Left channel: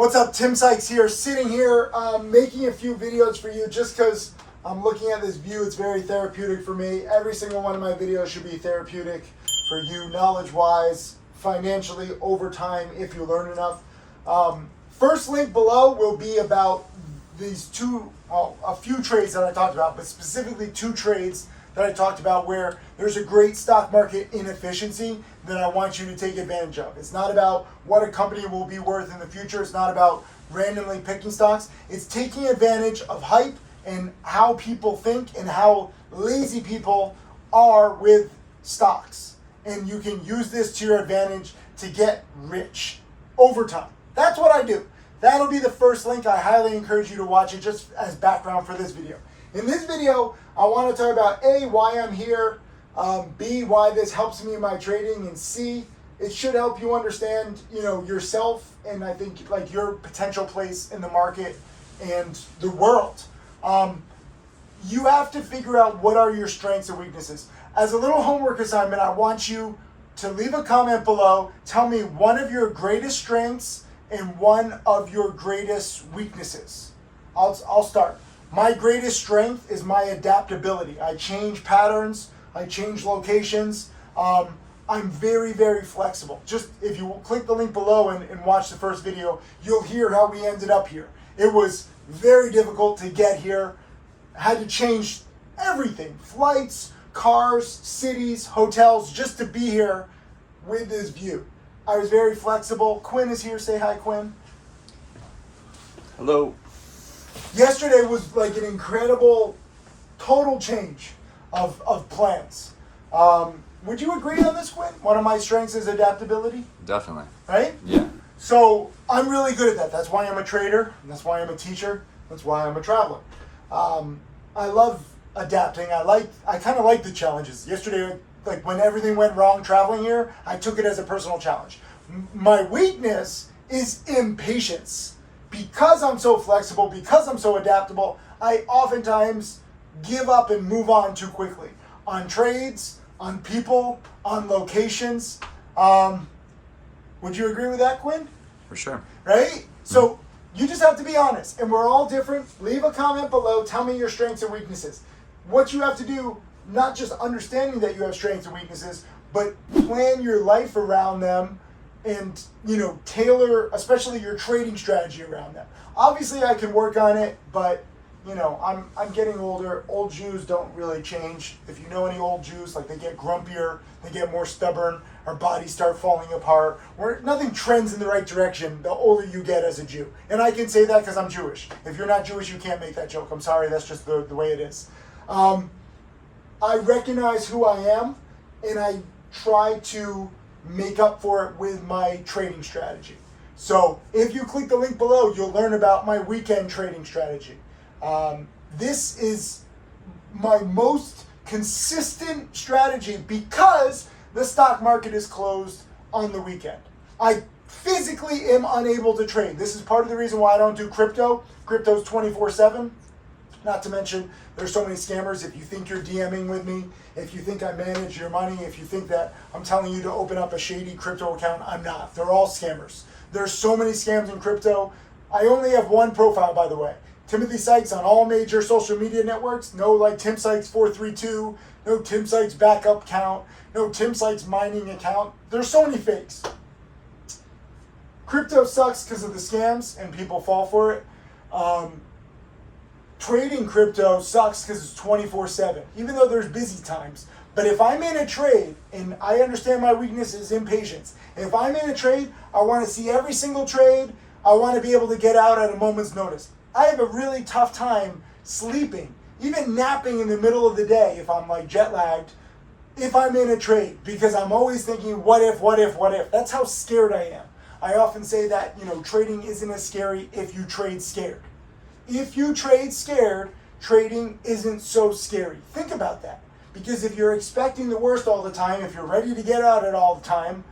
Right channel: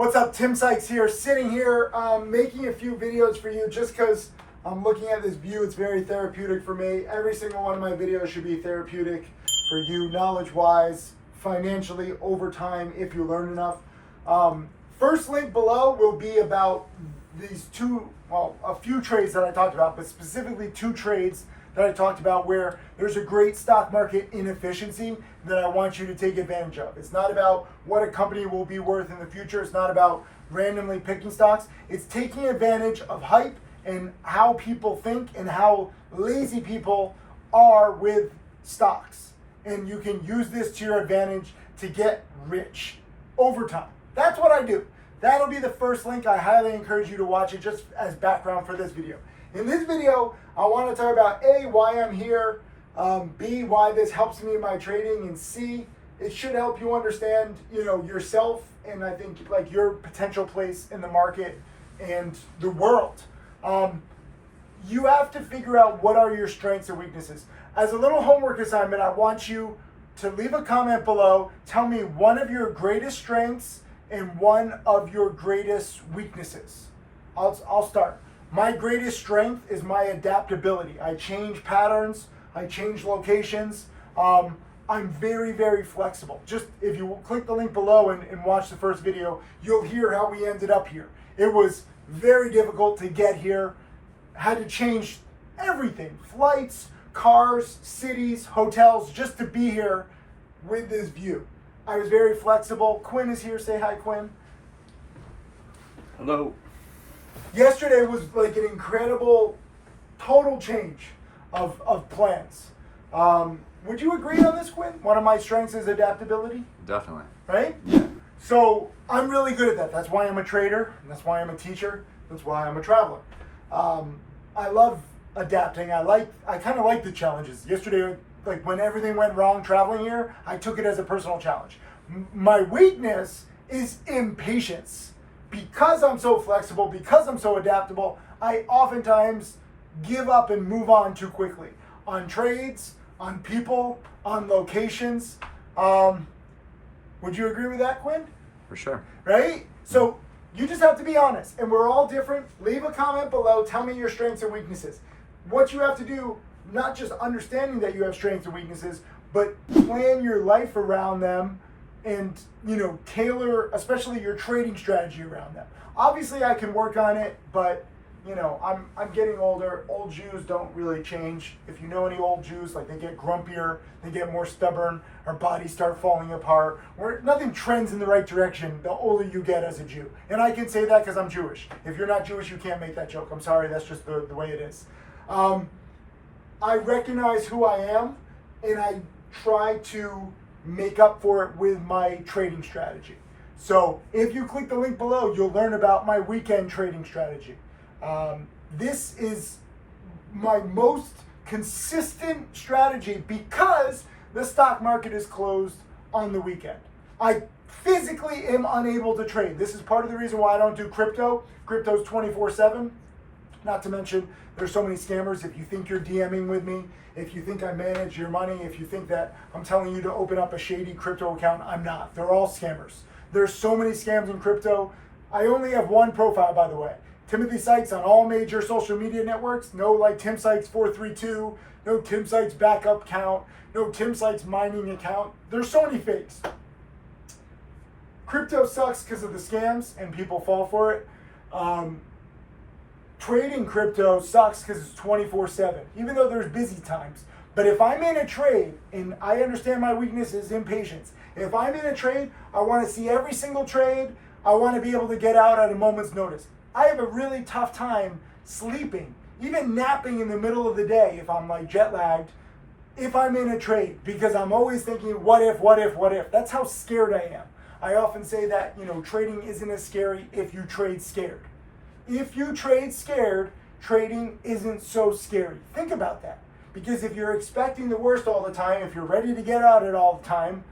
What's up, Tim Sykes here, sitting here making a few videos for you just because I'm looking at this view. It's very therapeutic for me. Every single one of my videos should be therapeutic for you, knowledge-wise, financially, over time, if you learn enough. First link below will be about these a few trades that I talked about, but specifically two trades that I talked about where there's a great stock market inefficiency that I want you to take advantage of. It's not about what a company will be worth in the future. It's not about randomly picking stocks. It's taking advantage of hype and how people think and how lazy people are with stocks. And you can use this to your advantage to get rich over time. That's what I do. That'll be the first link. I highly encourage you to watch it just as background for this video. In this video, I want to talk about A, why I'm here, B, why this helps me in my trading, and C, it should help you understand, yourself and I think like your potential place in the market and the world. You have to figure out what are your strengths and weaknesses. As a little homework assignment, I want you to leave a comment below. Tell me one of your greatest strengths and one of your greatest weaknesses. I'll start. My greatest strength is my adaptability. I change patterns, I change locations. I'm very, very flexible. Just if you click the link below and watch the first video, you'll hear how we ended up here. It was very difficult to get here. Had to change everything, flights, cars, cities, hotels, just to be here with this view. I was very flexible. Quinn is here. Say hi, Quinn. Hello. Yesterday was like an incredible total change of plans. Would you agree on this, Quinn? One of my strengths is adaptability. Definitely. Right? Yeah. So I'm really good at that. That's why I'm a trader. That's why I'm a teacher. That's why I'm a traveler. I love adapting. I kind of like the challenges. Yesterday, like when everything went wrong traveling here, I took it as a personal challenge. My weakness is impatience. Because I'm so flexible, because I'm so adaptable, I oftentimes give up and move on too quickly. On trades, on people, on locations. Would you agree with that, Quinn? For sure. Right? So you just have to be honest. And we're all different. Leave a comment below. Tell me your strengths and weaknesses. What you have to do, not just understanding that you have strengths and weaknesses, but plan your life around them and tailor especially your trading strategy around them. Obviously I can work on it, but I'm getting older. Old Jews don't really change. If you know any old Jews, like they get grumpier, they get more stubborn, our bodies start falling apart. Nothing trends in the right direction the older you get as a Jew. And I can say that because I'm Jewish. If you're not Jewish, you can't make that joke. I'm sorry, that's just the way it is. I recognize who I am and I try to make up for it with my trading strategy. So if you click the link below, you'll learn about my weekend trading strategy. This is my most consistent strategy because the stock market is closed on the weekend. I physically am unable to trade. This is part of the reason why I don't do crypto. Crypto's 24/7. Not to mention, there's so many scammers. If you think you're DMing with me, if you think I manage your money, if you think that I'm telling you to open up a shady crypto account, I'm not. They're all scammers. There's so many scams in crypto. I only have one profile, by the way. Timothy Sykes on all major social media networks. No like Tim Sykes 432, no Tim Sykes backup account, no Tim Sykes mining account. There's so many fakes. Crypto sucks because of the scams and people fall for it. Trading crypto sucks because it's 24/7, even though there's busy times. But if I'm in a trade, and I understand my weakness is impatience, if I'm in a trade, I want to see every single trade. I want to be able to get out at a moment's notice. I have a really tough time sleeping, even napping in the middle of the day if I'm like jet lagged, if I'm in a trade, because I'm always thinking, what if, what if, what if? That's how scared I am. I often say that, trading isn't as scary if you trade scared. If you trade scared, trading isn't so scary. Think about that. Because if you're expecting the worst all the time, if you're ready to get out it all the time,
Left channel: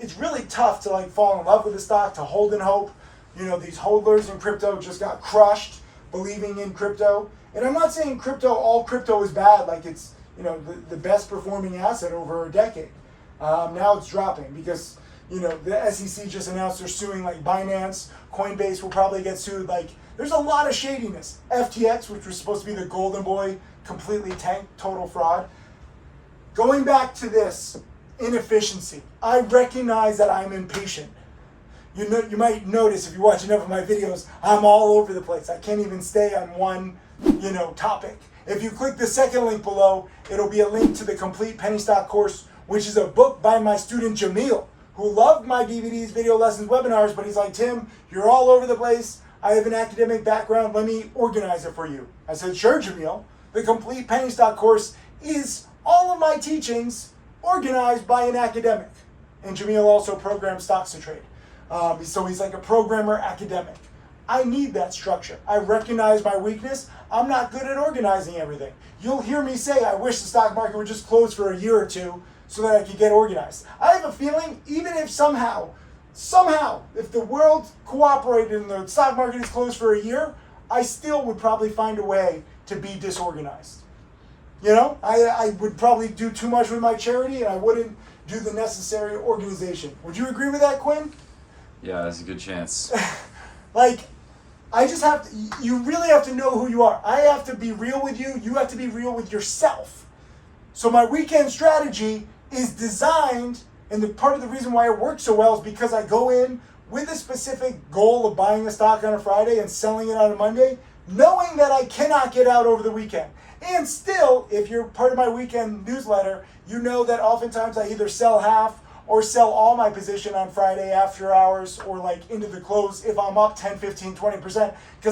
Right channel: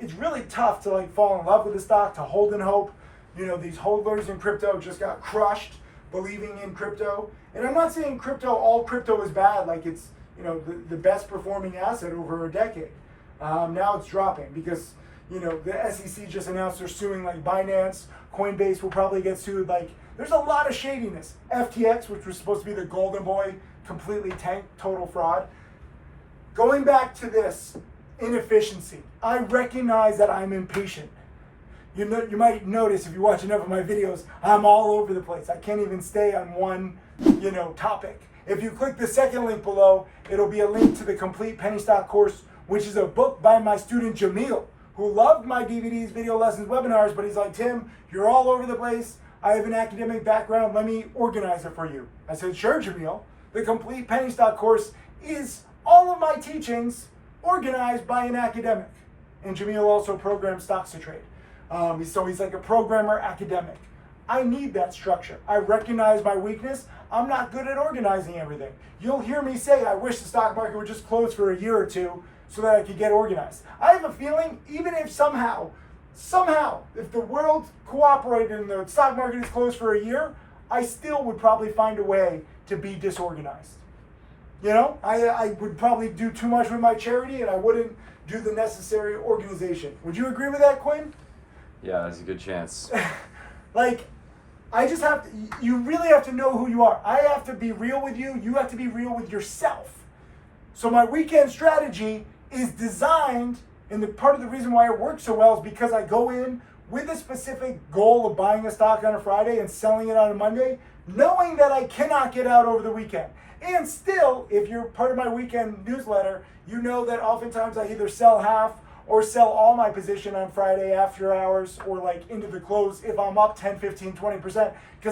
it's really tough to fall in love with the stock, to hold in hope. These hodlers in crypto just got crushed believing in crypto. And I'm not saying all crypto is bad, like it's, the best performing asset over a decade. Now it's dropping because the SEC just announced they're suing like Binance, Coinbase will probably get sued. Like, there's a lot of shadiness. FTX, which was supposed to be the golden boy, completely tanked, total fraud. Going back to this inefficiency, I recognize that I'm impatient. You might notice if you watch enough of my videos, I'm all over the place. I can't even stay on one, topic. If you click the second link below, it'll be a link to the complete penny stock course, which is a book by my student Jamil, who loved my DVDs, video lessons, webinars, but he's like, Tim, you're all over the place. I have an academic background. Let me organize it for you. I said, sure, Jamil. The complete penny stock course is all of my teachings organized by an academic. And Jamil also programs stocks to trade. So he's like a programmer academic. I need that structure. I recognize my weakness. I'm not good at organizing everything. You'll hear me say, I wish the stock market would just close for a year or two so that I could get organized. I have a feeling, even if somehow, if the world cooperated and the stock market is closed for a year, I still would probably find a way to be disorganized. I would probably do too much with my charity and I wouldn't do the necessary organization. Would you agree with that, Quinn? Yeah, there's a good chance. I just have to, you really have to know who you are. I have to be real with you. You have to be real with yourself. So my weekend strategy is designed, and the part of the reason why it works so well is because I go in with a specific goal of buying a stock on a Friday and selling it on a Monday, knowing that I cannot get out over the weekend. And still, if you're part of my weekend newsletter, you know that oftentimes I either sell half or sell all my position on Friday after hours or like into the close if I'm up 10, 15, 20%, because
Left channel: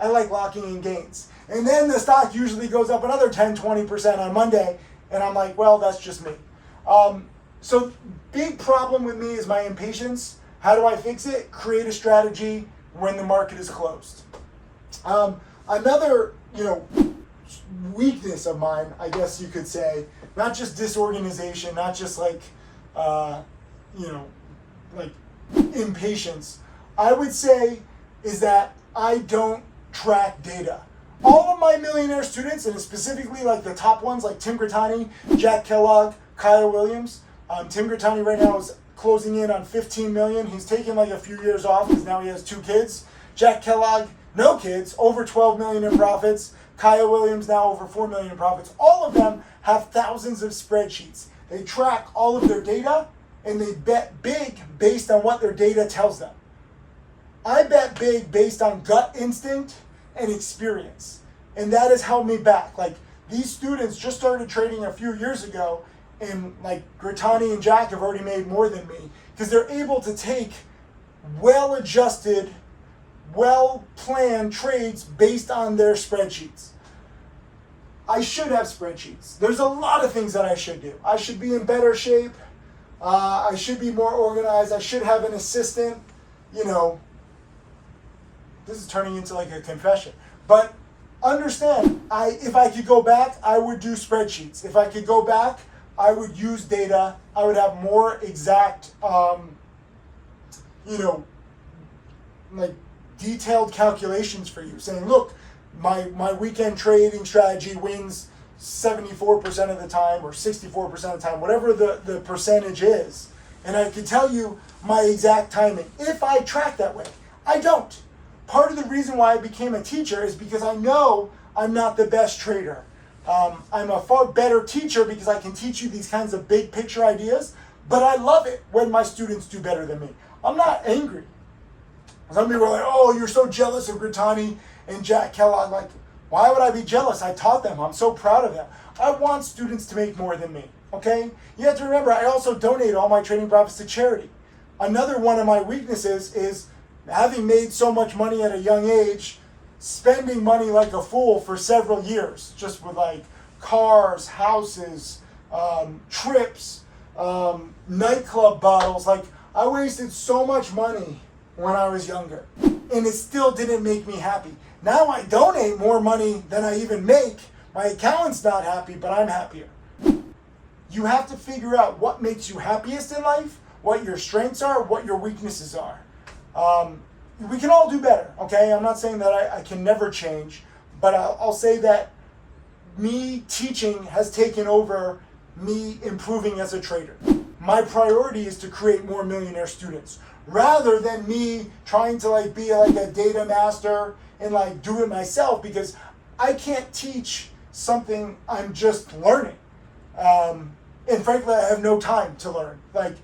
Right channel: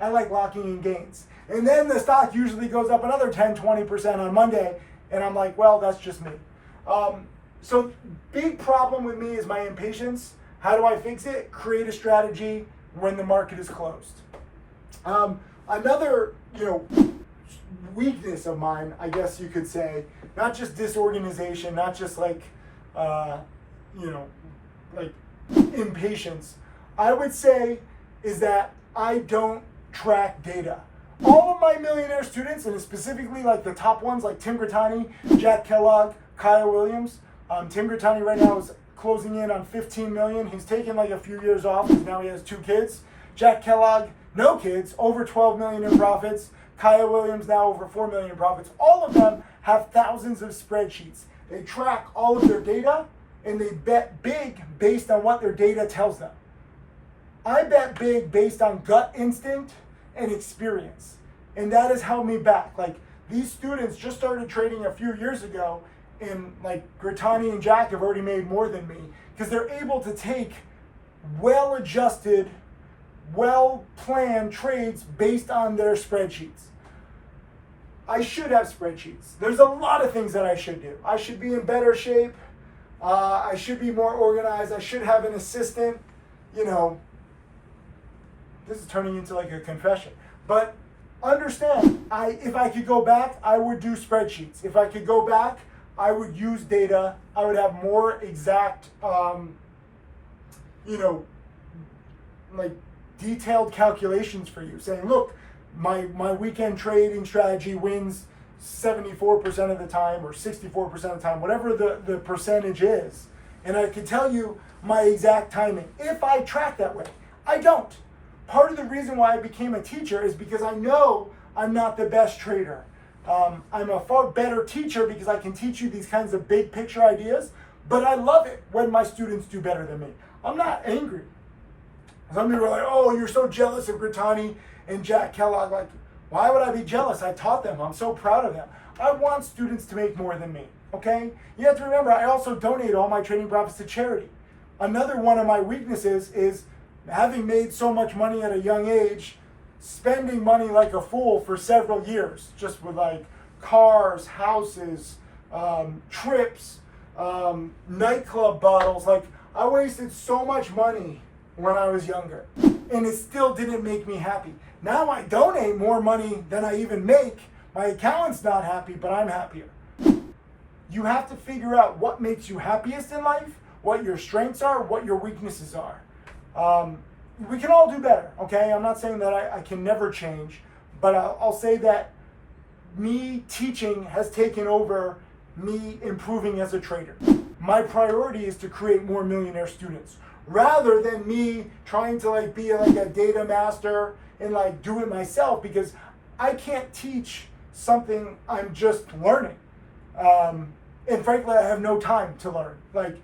I like locking in gains. And then the stock usually goes up another 10, 20% on Monday, and I'm like, well, that's just me. So big problem with me is my impatience. How do I fix it? Create a strategy when the market is closed. Another, weakness of mine, I guess you could say, not just disorganization, not just like impatience, I would say is that I don't track data. All of my millionaire students, and specifically like the top ones like Tim Grittani, Jack Kellogg, Kyle Williams. Tim Grittani right now is closing in on 15 million. He's taken like a few years off because now he has 2 kids. Jack Kellogg, no kids, over 12 million in profits. Kyle Williams now over 4 million in profits. All of them have thousands of spreadsheets. They track all of their data and they bet big based on what their data tells them. I bet big based on gut instinct and experience. And that has held me back. Like, these students just started trading a few years ago, and like Grittani and Jack have already made more than me because they're able to take well-adjusted, well-planned trades based on their spreadsheets. I should have spreadsheets. There's a lot of things that I should do. I should be in better shape. I should be more organized. I should have an assistant. This is turning into like a confession. But understand, if I could go back, I would do spreadsheets. If I could go back, I would use data. I would have more exact, like detailed calculations for you, saying, look, my weekend trading strategy wins 74% of the time or 64% of the time, whatever the percentage is. And I can tell you my exact timing if I track that way. I don't. Part of the reason why I became a teacher is because I know I'm not the best trader. I'm a far better teacher because I can teach you these kinds of big picture ideas, but I love it when my students do better than me. I'm not angry. Some people are like, oh, you're so jealous of Grittani and Jack Kellogg. Like, why would I be jealous? I taught them. I'm so proud of them. I want students to make more than me, okay? You have to remember, I also donate all my trading profits to charity. Another one of my weaknesses is having made so much money at a young age, spending money like a fool for several years, just with like cars, houses, trips, nightclub bottles. Like, I wasted so much money when I was younger, and it still didn't make me happy. Now I donate more money than I even make. My accountant's not happy, but I'm happier. You have to figure out what makes you happiest in life, what your strengths are, what your weaknesses are. We can all do better, okay? I'm not saying that I can never change, but I'll say that me teaching has taken over me improving as a trader. my priority is to create more millionaire students rather than me trying to like be like a data master and like do it myself, because I can't teach something I'm just learning. And frankly, I have no time to learn. Like,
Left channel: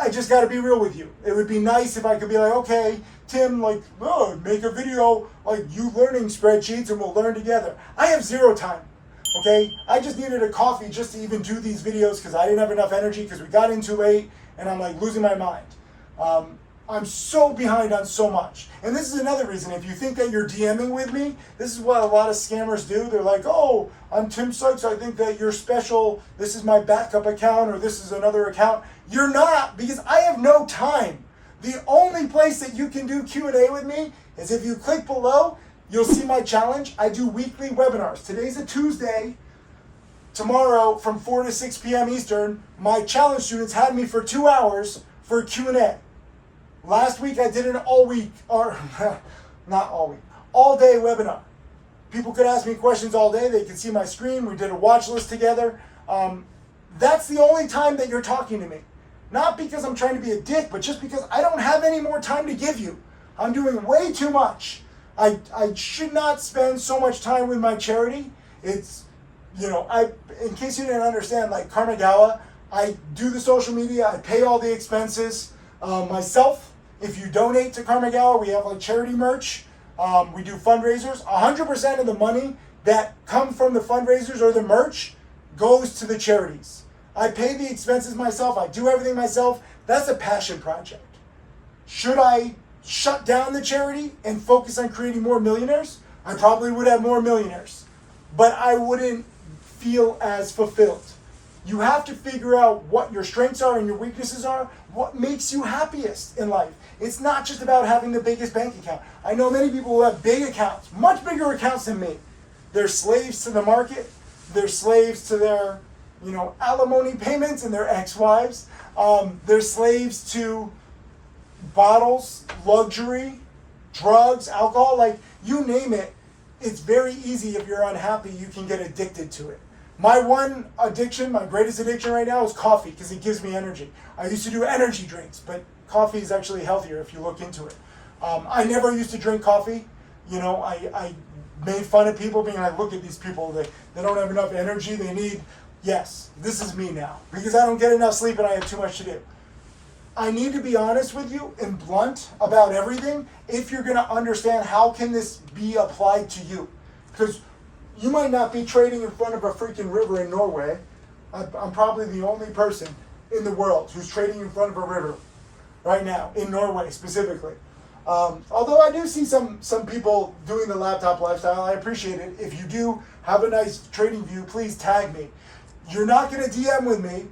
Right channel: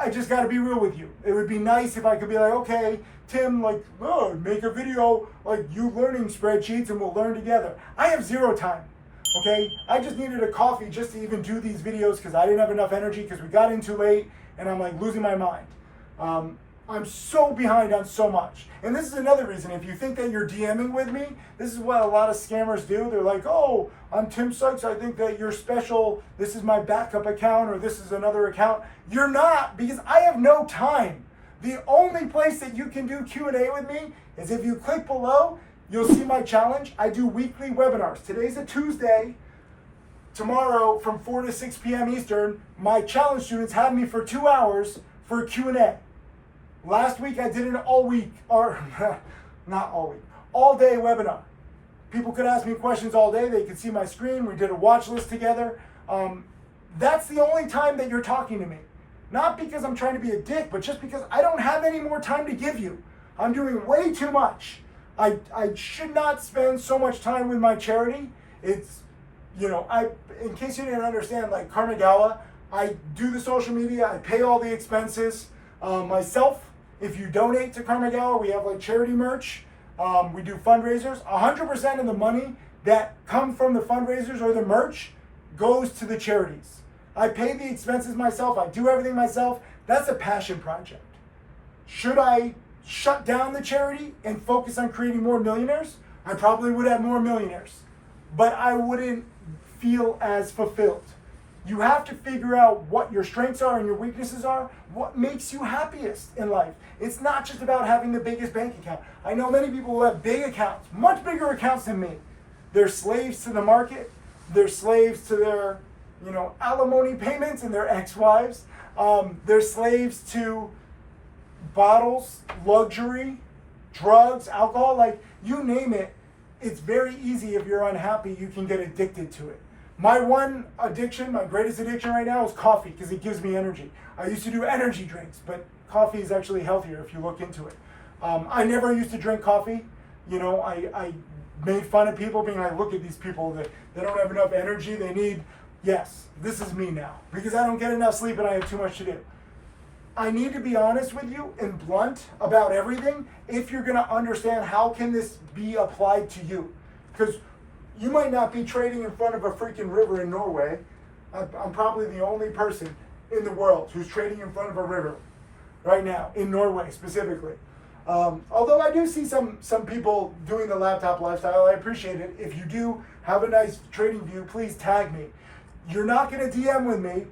I just got to be real with you. It would be nice if I could be like, okay, Tim, like, oh, make a video like you learning spreadsheets and we'll learn together. I have zero time. Okay, I just needed a coffee just to even do these videos because I didn't have enough energy because we got in too late and I'm like losing my mind. I'm so behind on so much. And this is another reason, if you think that you're DMing with me, this is what a lot of scammers do. They're like, oh, I'm Tim Sykes, I think that you're special, this is my backup account or this is another account. You're not, because I have no time. The only place that you can do Q&A with me is if you click below, you'll see my challenge. I do weekly webinars. Today's a Tuesday. Tomorrow from 4 to 6 p.m. Eastern, my challenge students had me for 2 hours for Q&A. Last week I did an all day webinar. People could ask me questions all day. They could see my screen. We did a watch list together. That's the only time that you're talking to me. Not because I'm trying to be a dick, but just because I don't have any more time to give you. I'm doing way too much. I should not spend so much time with my charity. It's, in case you didn't understand, like Karma Gala, I do the social media, I pay all the expenses myself. If you donate to Karma Gala, we have like charity merch. We do fundraisers. 100% of the money that come from the fundraisers or the merch goes to the charities. I pay the expenses myself. I do everything myself. That's a passion project. Should I shut down the charity and focus on creating more millionaires? I probably would have more millionaires, but I wouldn't feel as fulfilled. You have to figure out what your strengths are and your weaknesses are, what makes you happiest in life. It's not just about having the biggest bank account. I know many people who have big accounts, much bigger accounts than me. They're slaves to the market. They're slaves to their, alimony payments and their ex-wives. They're slaves to bottles, luxury, drugs, alcohol, like you name it. It's very easy if you're unhappy, you can get addicted to it. My one addiction, my greatest addiction right now is coffee because it gives me energy. I used to do energy drinks, but coffee is actually healthier if you look into it. I never used to drink coffee. I made fun of people being like, look at these people, they don't have enough energy, they need, yes, this is me now because I don't get enough sleep and I have too much to do. I need to be honest with you and blunt about everything if you're gonna understand how can this be applied to you. Because you might not be trading in front of a freaking river in Norway. I'm probably the only person in the world who's trading in front of a river right now, in Norway specifically. Although I do see some people doing the laptop lifestyle, I appreciate it. If you do have a nice trading view, please tag me. You're not gonna DM with me,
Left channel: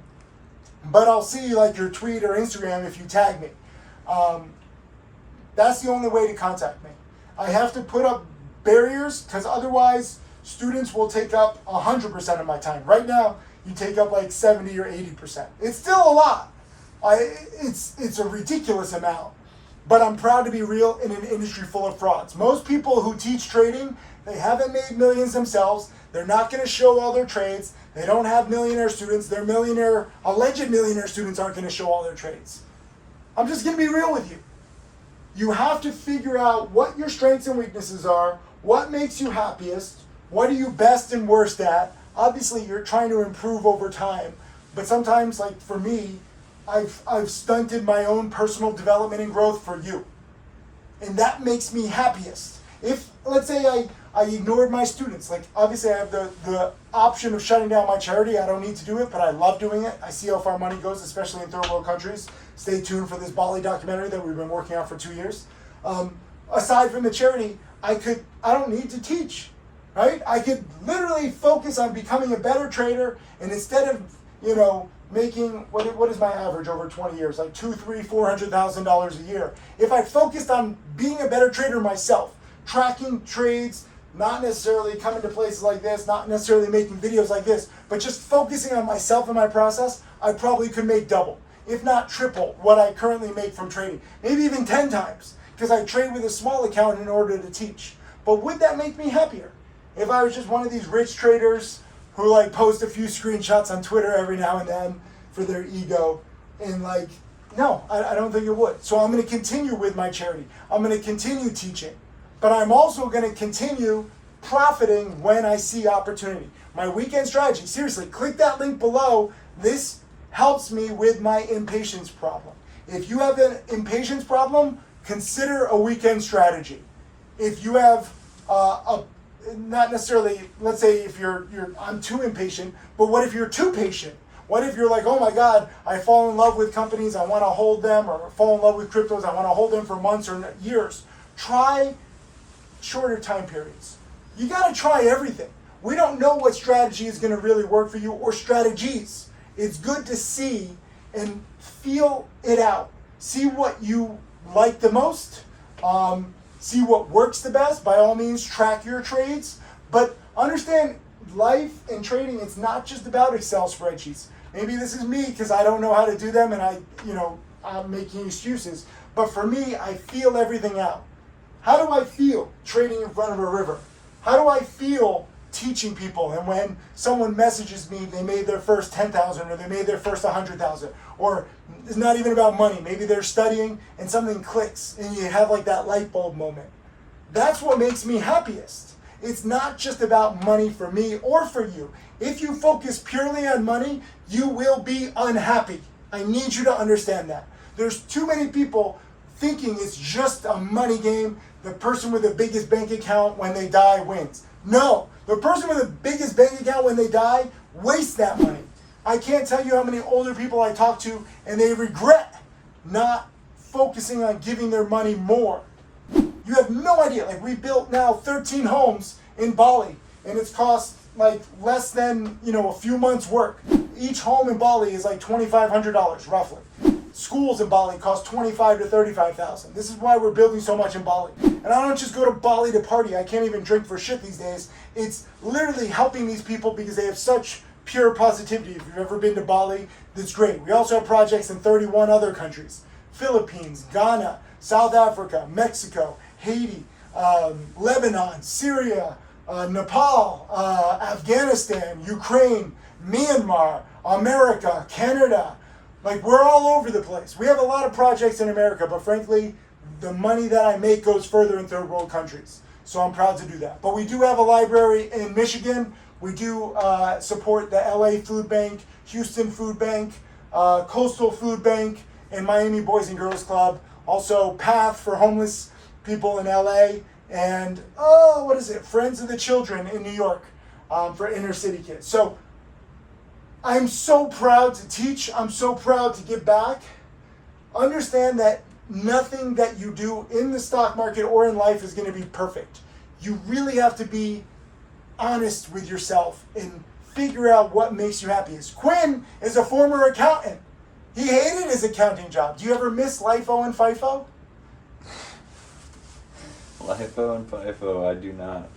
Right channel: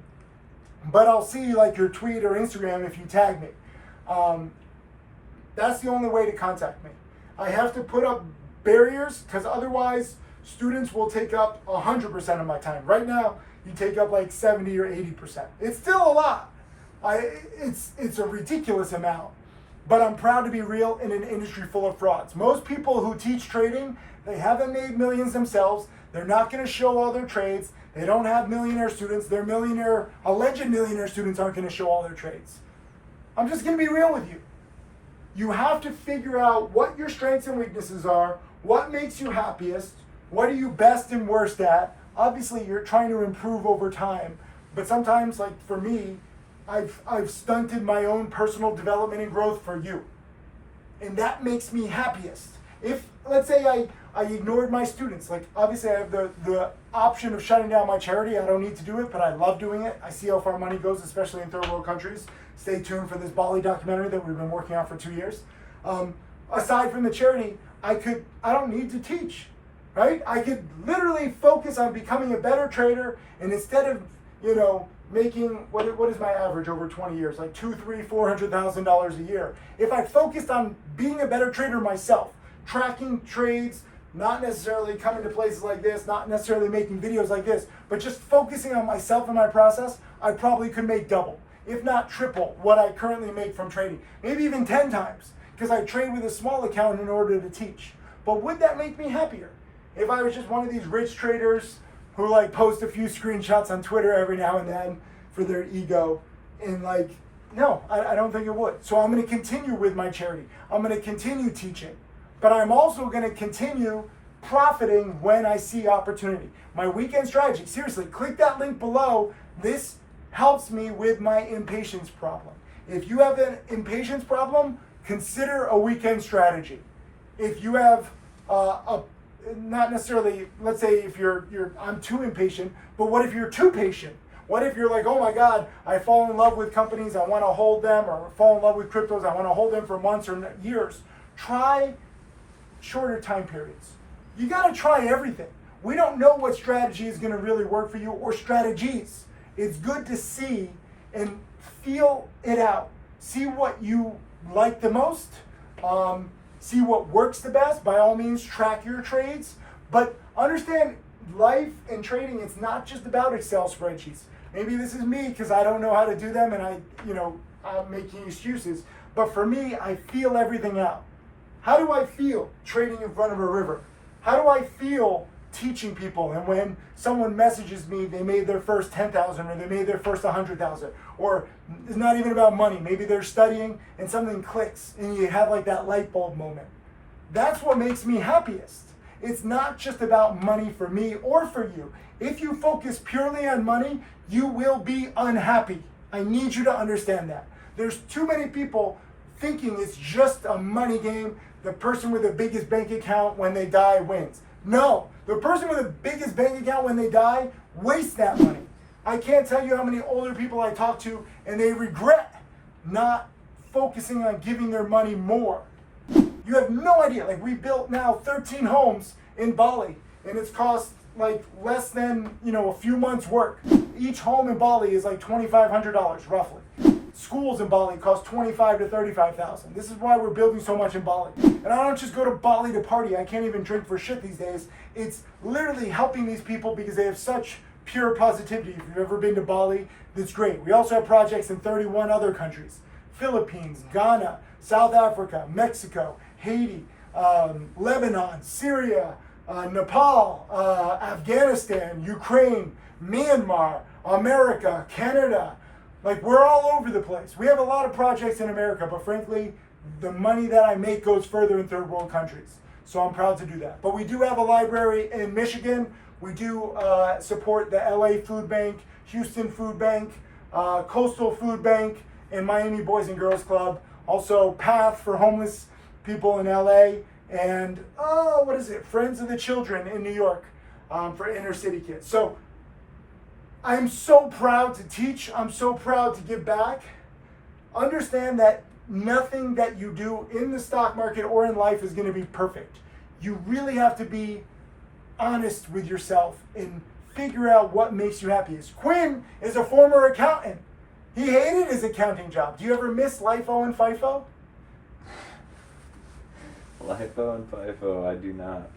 but I'll see like your tweet or Instagram if you tag me. That's the only way to contact me. I have to put up barriers because otherwise students will take up 100% of my time. Right now, you take up like 70 or 80%. It's still a lot. It's a ridiculous amount. But I'm proud to be real in an industry full of frauds. Most people who teach trading, they haven't made millions themselves. They're not going to show all their trades. They don't have millionaire students. Their alleged millionaire students aren't going to show all their trades. I'm just going to be real with you. You have to figure out what your strengths and weaknesses are, what makes you happiest, what are you best and worst at. Obviously, you're trying to improve over time, but sometimes, like for me, I've stunted my own personal development and growth for you. And that makes me happiest. If, let's say I ignored my students, like obviously I have the option of shutting down my charity. I don't need to do it, but I love doing it. I see how far money goes, especially in third world countries. Stay tuned for this Bali documentary that we've been working on for 2 years. Aside from the charity, I don't need to teach, right? I could literally focus on becoming a better trader, and instead of, making, what is my average over 20 years? Like $200,000, $300,000, $400,000 a year. If I focused on being a better trader myself, tracking trades, not necessarily coming to places like this, not necessarily making videos like this, but just focusing on myself and my process, I probably could make double, if not triple, what I currently make from trading. Maybe even 10 times, because I trade with a small account in order to teach. But would that make me happier? If I was just one of these rich traders who like post a few screenshots on Twitter every now and then for their ego, And like, no, I don't think it would. So I'm going to continue with my charity. I'm going to continue teaching. But I'm also going to continue profiting when I see opportunity. My weekend strategy, seriously, click that link below. This helps me with my impatience problem. If you have an impatience problem, consider a weekend strategy. If you have not necessarily, let's say if I'm too impatient, but what if you're too patient? What if you're like, oh my God, I fall in love with companies, I want to hold them, or fall in love with cryptos, I want to hold them for months or years. Try shorter time periods. You got to try everything. We don't know what strategy is going to really work for you or strategies. It's good to see and feel it out. See what you like the most. See what works the best. By all means, track your trades. But understand, life and trading, it's not just about Excel spreadsheets. Maybe this is me because I don't know how to do them and I'm making excuses. But for me, I feel everything out. How do I feel trading in front of a river? How do I feel teaching people, and when someone messages me, they made their first 10,000 or they made their first 100,000, or it's not even about money. Maybe they're studying and something clicks and you have like that light bulb moment. That's what makes me happiest. It's not just about money for me or for you. If you focus purely on money, you will be unhappy. I need you to understand that. There's too many people thinking it's just a money game. The person with the biggest bank account when they die wins. No, the person with the biggest bank account when they die wastes that money. I can't tell you how many older people I talk to and they regret not focusing on giving their money more. You have no idea. Like, we built now 13 homes in Bali and it's cost like less than, a few months work. Each home in Bali is like $2,500 roughly. Schools in Bali cost $25,000 to $35,000. This is why we're building so much in Bali. And I don't just go to Bali to party. I can't even drink for shit these days. It's literally helping these people because they have such pure positivity. If you've ever been to Bali, that's great. We also have projects in 31 other countries. Philippines, Ghana, South Africa, Mexico, Haiti, Lebanon, Syria, Nepal, Afghanistan, Ukraine, Myanmar, America, Canada. Like, we're all over the place. We have a lot of projects in America, but frankly, the money that I make goes further in third world countries. So I'm proud to do that. But we do have a library in Michigan. We do support the LA Food Bank, Houston Food Bank, Coastal Food Bank, and Miami Boys and Girls Club. Also PATH for homeless people in LA. And, Friends of the Children in New York for inner city kids. So I'm so proud to teach. I'm so proud to give back. Understand that nothing that you do in the stock market or in life is going to be perfect. You really have to be honest with yourself and figure out what makes you happiest. Quinn is a former accountant. He hated his accounting job. Do you ever miss LIFO and FIFO? LIFO and FIFO, I do not.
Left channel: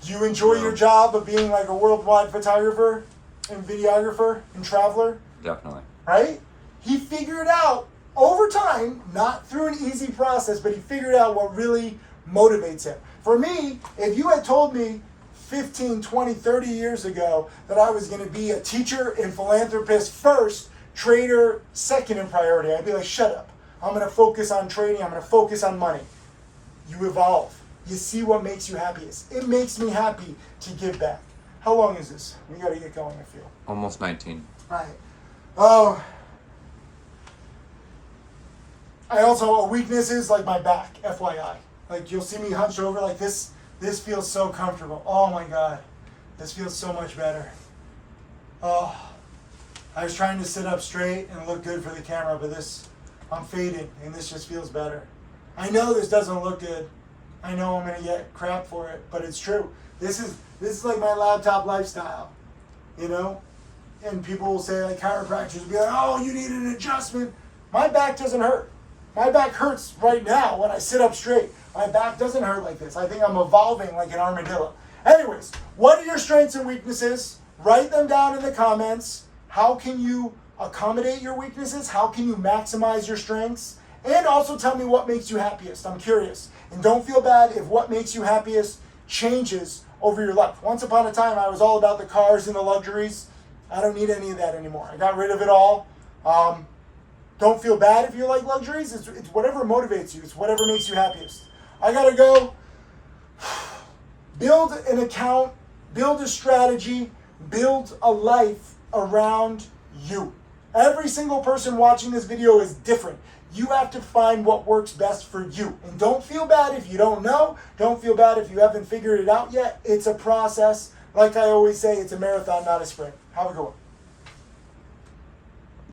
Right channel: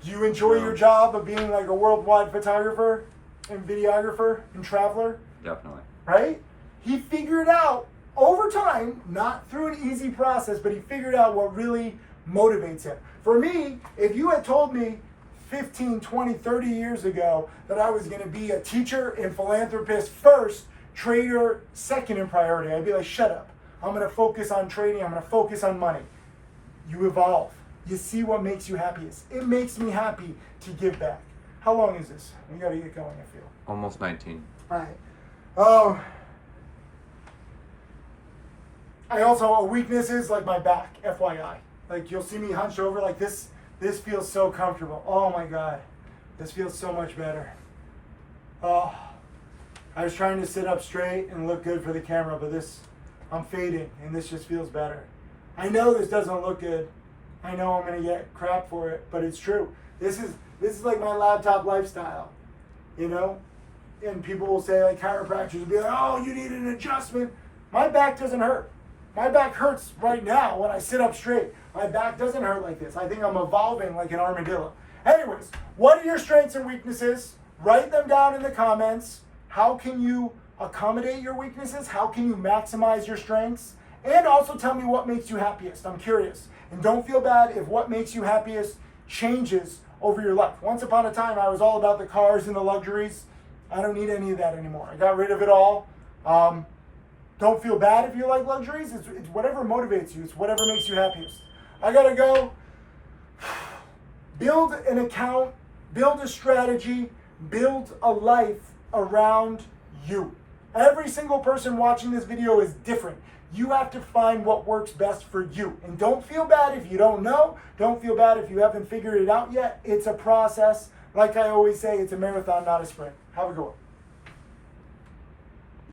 Do you enjoy your job of being like a worldwide photographer and videographer and traveler? Definitely. Right? He figured out over time, not through an easy process, but he figured out what really motivates him. For me, if you had told me 15, 20, 30 years ago that I was going to be a teacher and philanthropist first, trader second in priority, I'd be like, shut up. I'm going to focus on trading. I'm going to focus on money. You evolve. You see what makes you happiest. It makes me happy to give back. How long is this? We got to get going, I feel. Almost 19. All right. Oh. I also, a weakness is like my back, FYI. Like, you'll see me hunched over like this. This feels so comfortable. Oh my God. This feels so much better. Oh. I was trying to sit up straight and look good for the camera, but I'm fading and this just feels better. I know this doesn't look good. I know I'm gonna get crap for it, but it's true. This is like my laptop lifestyle, And people will say, like, chiropractors will be like, oh, you need an adjustment. My back doesn't hurt. My back hurts right now when I sit up straight. My back doesn't hurt like this. I think I'm evolving like an armadillo. Anyways, what are your strengths and weaknesses? Write them down in the comments. How can you accommodate your weaknesses? How can you maximize your strengths? And also tell me what makes you happiest. I'm curious. And don't feel bad if what makes you happiest changes over your life. Once upon a time, I was all about the cars and the luxuries. I don't need any of that anymore. I got rid of it all. Don't feel bad if you like luxuries. It's whatever motivates you. It's whatever makes you happiest. I gotta go. Build an account, build a strategy, build a life around you. Every single person watching this video is different. You have to find what works best for you. And don't feel bad if you don't know. Don't feel bad if you haven't figured it out yet. It's a process. Like I always say, it's a marathon, not a sprint. Have a good one.